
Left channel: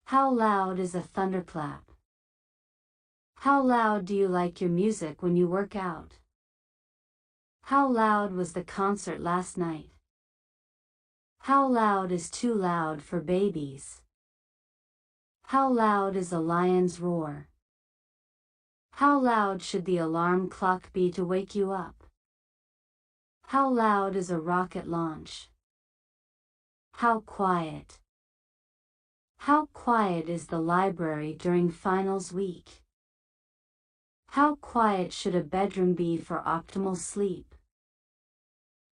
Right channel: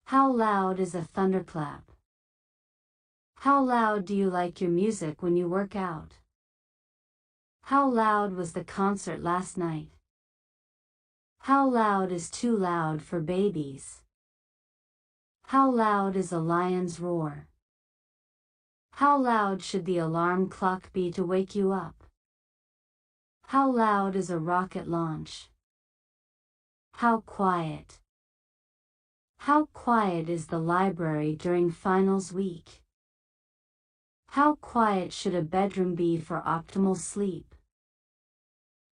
How loud is a thunderclap? How loud do you like your music when you work out? How loud was the concert last night? How loud is too loud for babies? How loud is a lion's roar? How loud should the alarm clock be to wake you up? How loud is a rocket launch? How quiet? How quiet is the library during finals week? How quiet should a bedroom be for optimal sleep?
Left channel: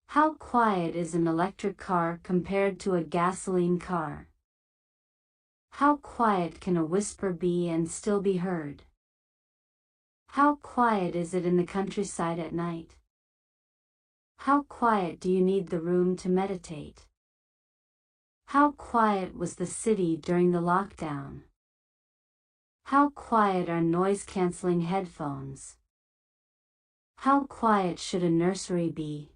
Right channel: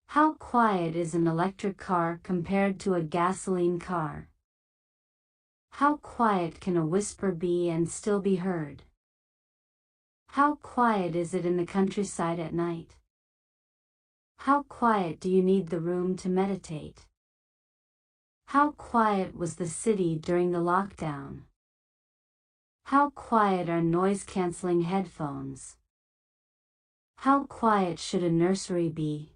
How quiet is an electric car compared to a gasoline car? How quiet can a whisper be and still be heard? How quiet is it in the countryside at night? How quiet do you need the room to meditate? How quiet was the city during the lockdown? How quiet are noise-canceling headphones? How quiet should a nursery be?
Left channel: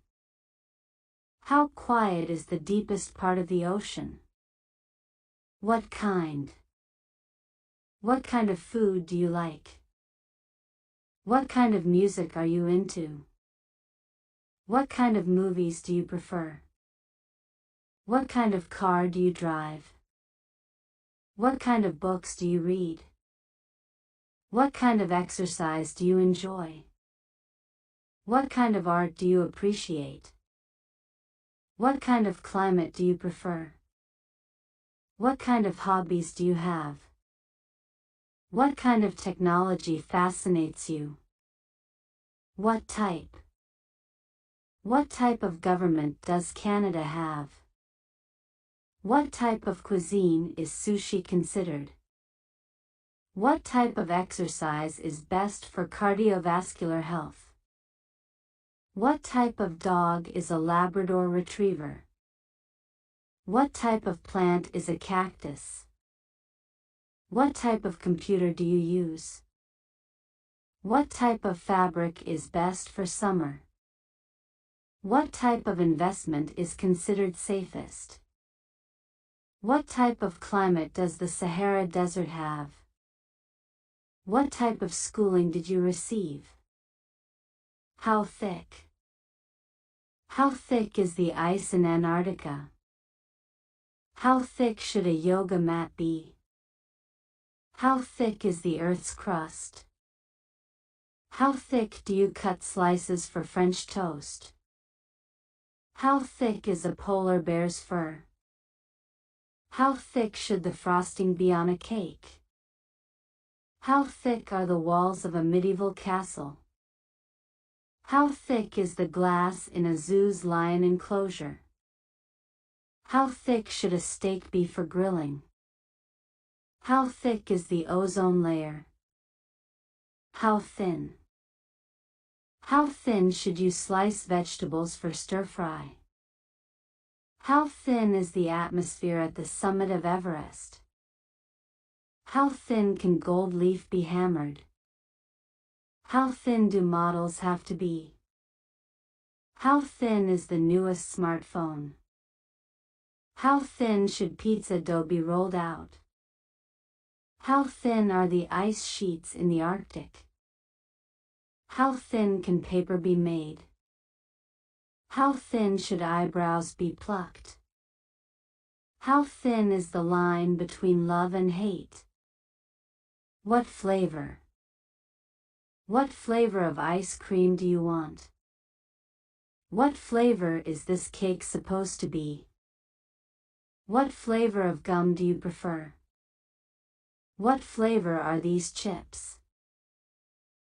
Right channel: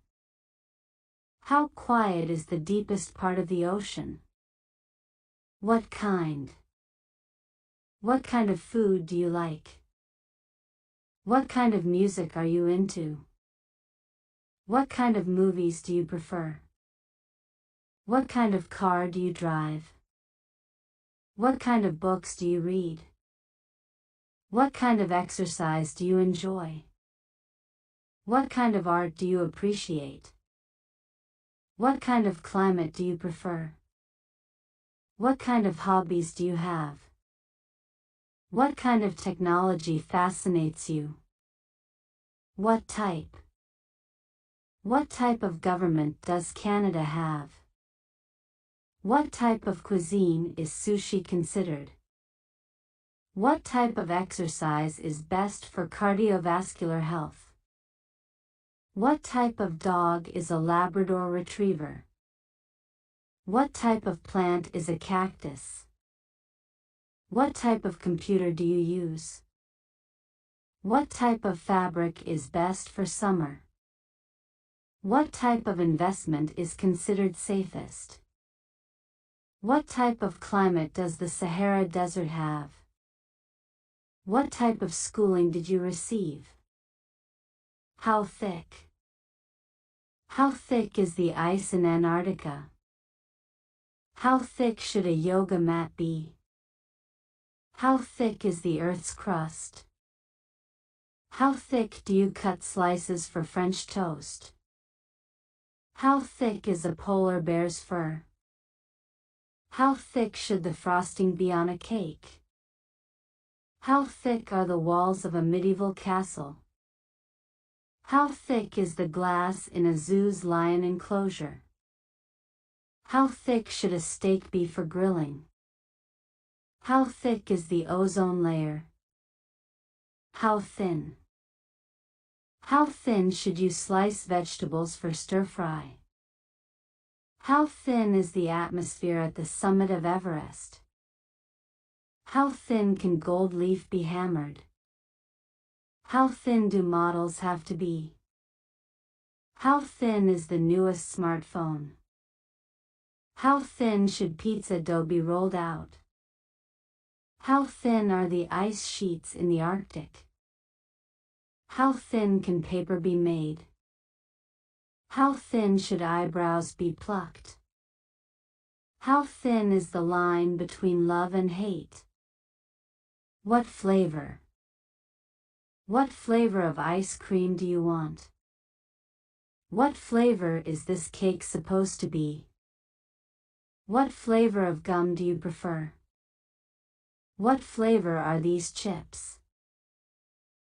How quiet is the deepest part of the ocean? What kind? What kind of food do you like? What kind of music are you into? What kind of movies do you prefer? What kind of car do you drive? What kind of books do you read? What kind of exercise do you enjoy? What kind of art do you appreciate? What kind of climate do you prefer? What kind of hobbies do you have? What kind of technology fascinates you? What type? What type of government does Canada have? What type of cuisine is sushi considered? What type of exercise is best for cardiovascular health? What type of dog is a Labrador Retriever? What type of plant is a cactus? What type of computer do you use? What type of fabric is best for summer? What type of investment is considered safest? What type of climate does the Sahara Desert have? What type of schooling did you receive? How thick? How thick is the ice in Antarctica? How thick should a yoga mat be? How thick is the Earth's crust? How thick do you cut slices for French toast? How thick is a polar bear's fur? How thick should the frosting be on a cake? How thick are the walls of a medieval castle? How thick is the glass in a zoo's lion enclosure? How thick should a steak be for grilling? How thick is the ozone layer? How thin? How thin should you slice vegetables for stir-fry? How thin is the atmosphere at the summit of Everest? How thin can gold leaf be hammered? How thin do models have to be? How thin is the newest smartphone? How thin should pizza dough be rolled out? How thin are the ice sheets in the Arctic? How thin can paper be made? How thin should eyebrows be plucked? How thin is the line between love and hate? What flavor? What flavor of ice cream do you want? What flavor is this cake supposed to be? What flavor of gum do you prefer? What flavor are these chips?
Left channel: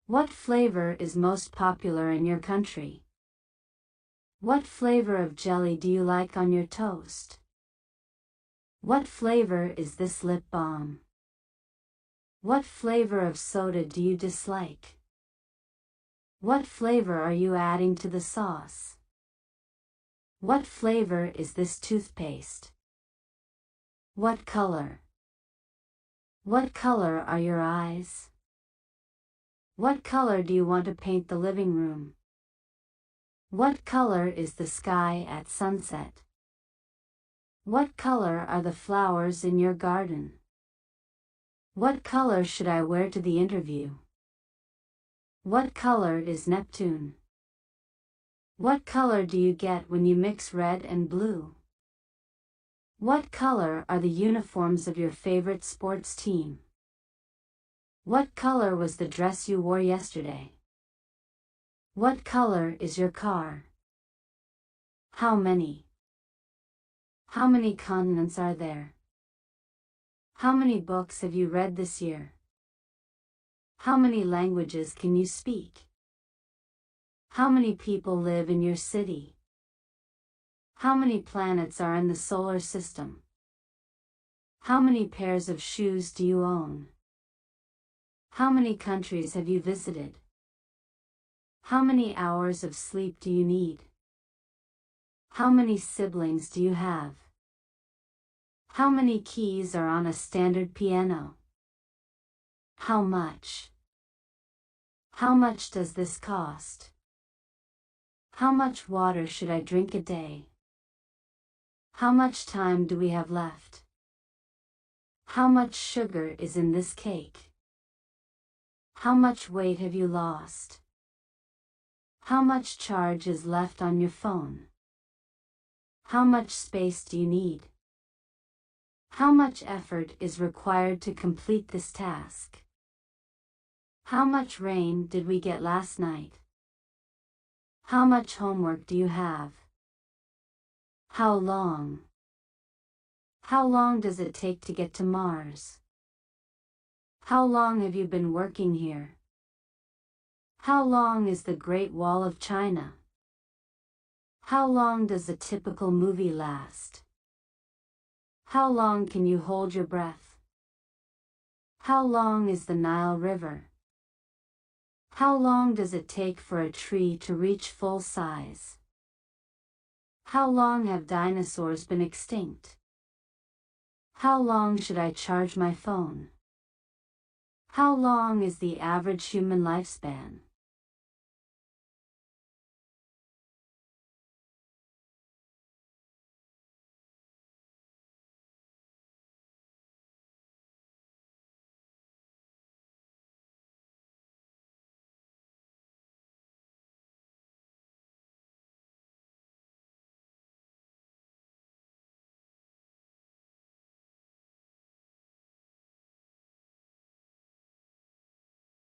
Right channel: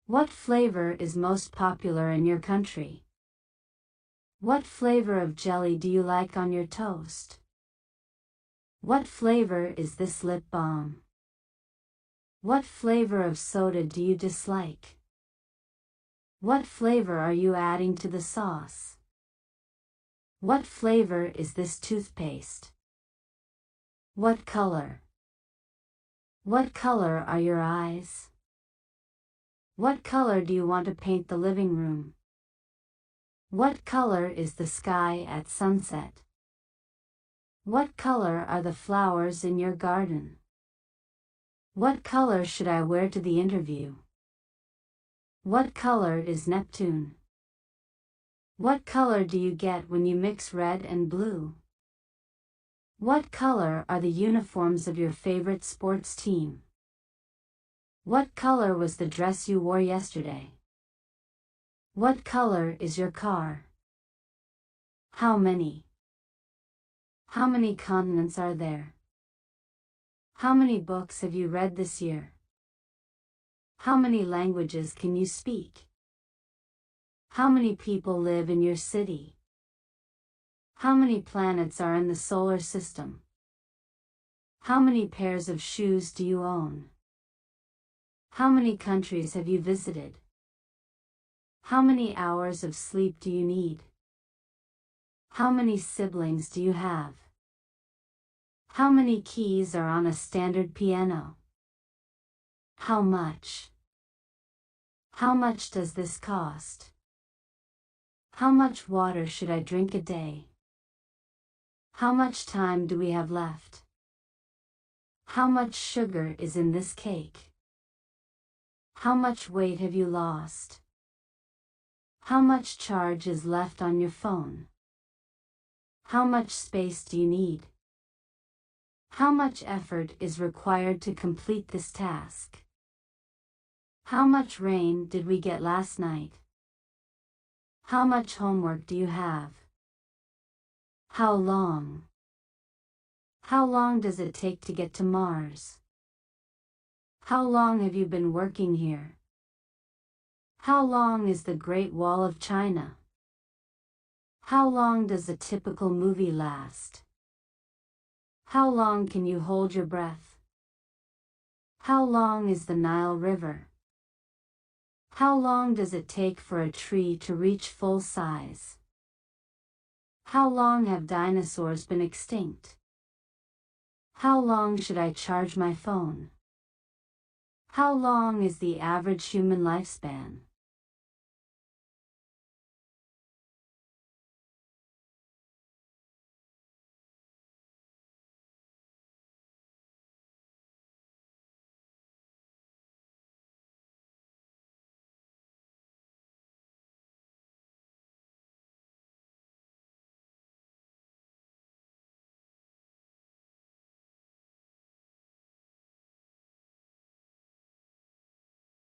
What flavor is most popular in your country? What flavor of jelly do you like on your toast? What flavor is this lip balm? What flavor of soda do you dislike? What flavor are you adding to the sauce? What flavor is this toothpaste? What color? What color are your eyes? What color do you want to paint the living room? What color is the sky at sunset? What color are the flowers in your garden? What color should I wear to the interview? What color is Neptune? What color do you get when you mix red and blue? What color are the uniforms of your favorite sports team? What color was the dress you wore yesterday? What color is your car? How many? How many continents are there? How many books have you read this year? How many languages can you speak? How many people live in your city? How many planets are in the solar system? How many pairs of shoes do you own? How many countries have you visited? How many hours of sleep do you need? How many siblings do you have? How many keys are on a standard piano? How much? How much does this cost? How much water should I drink a day? How much time do we have left? How much sugar is in this cake? How much weight have you lost? How much charge is left on your phone? How much space do you need? How much effort is required to complete this task? How much rain did we get last night? How much homework do you have? How long? How long does it take to get to Mars? How long have you been working here? How long is the Great Wall of China? How long does a typical movie last? How long can you hold your breath? How long is the Nile River? How long does it take for a tree to reach full size? How long have dinosaurs been extinct? How long should I charge my phone? How long is the average human lifespan?